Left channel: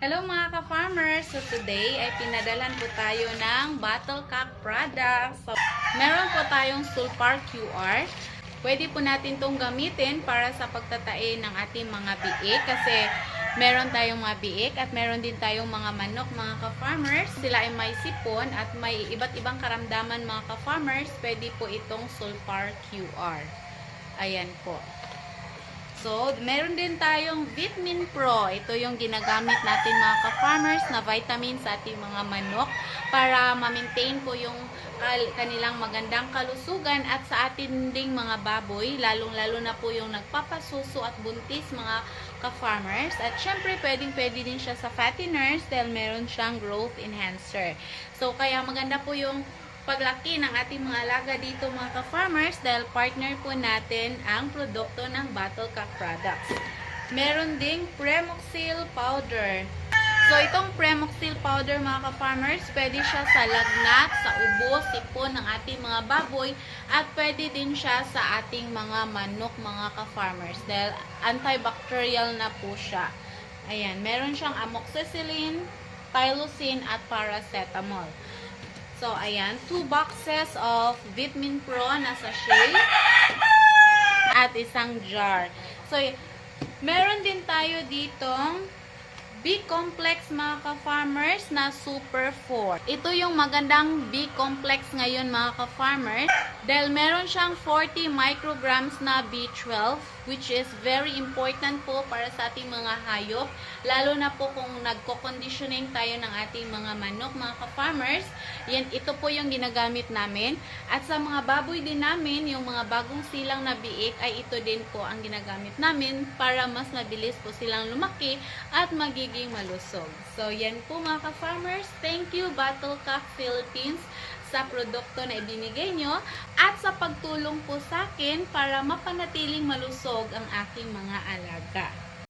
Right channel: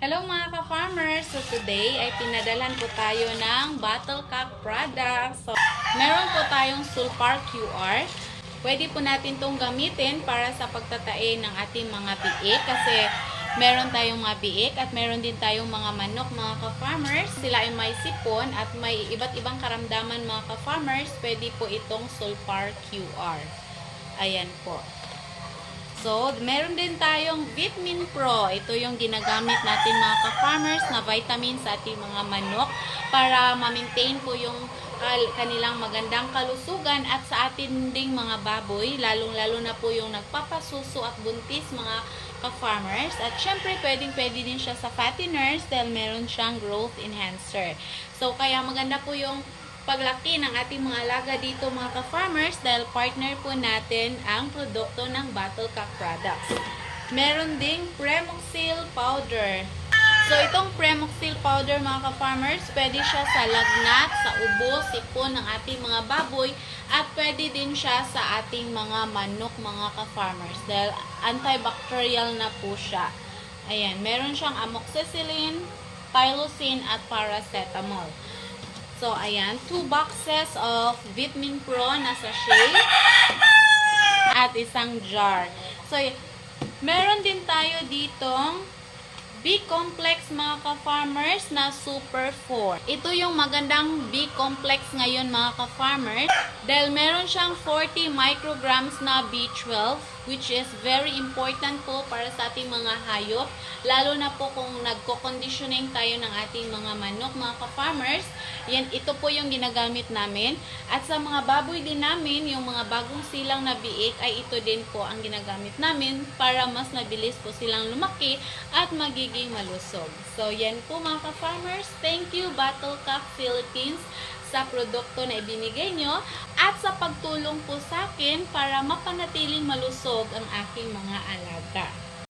Hello mga ka-farmers! So today ay pinadalan po tayo ng Battlecock products. So, meron po tayong Sulfar QR. Pwede po natin itong gamitin para sa pagtatae ng ating mga biik kasi meron tayong mga biik at meron din tayong mga manok mga ka-farmers. Sila ay may sipon at may iba't ibang karamdaman mga ka-farmers. Pwede po itong Sulfar QR. Ayan po. So, meron din tayong Vitamin Pro. Ito yung ginagamit natin mga ka-farmers na vitamin sa ating mga manok para ma-maintain po yung kanilang magandang kalusugan at sa ating ding mga baboy, lalong-lalo na po yung nagpapasuso at buntis mga ka-farmers. At syempre, pwedeng-pwede din siya sa fatteners dahil meron siyang growth enhancer. So, kaya maganda po yung paglaki ng ating mga alaga dito mga ka-farmers dahil partner po natin ang produkto ng Battlecock products. Meron ding Premoxil powder. So itong Premoxil powder mga ka-farmers, pwede siya sa lagnat, sa ubo, sipon ng ating mga baboy at pwede din siya sa ating mga manok mga ka-farmers dahil antibacterial na po siya. Ayan, meron siyang amoxicillin, tylosin at paracetamol. So, ayan, 2 boxes of Vitamin Pro na sachet at isang jar. So, meron din tayo ditong B-complex mga ka-farmers na Super 4. Ito yung magandang B-complex ngayon mga ka-farmers dahil meron siyang 40 micrograms na B12 which is very important po para sa ating mga hayop. Lalo na po kung nagko-conditioning tayo ng ating mga manok mga ka-farmers. Yan, ito po yung ginagamit namin. At sa mga baboy din namin, yung mga bagong silang na biik ay ito din po ang ginagamit namin para mas mabilis po silang lumaki at magiging malusog. So, yan po mga ka-farmers. Thank you Battlecock Philippines sa produkto na ibinigay nyo at sa pagtulong po sa akin para mapanatiling malusog ang aking mga alaga.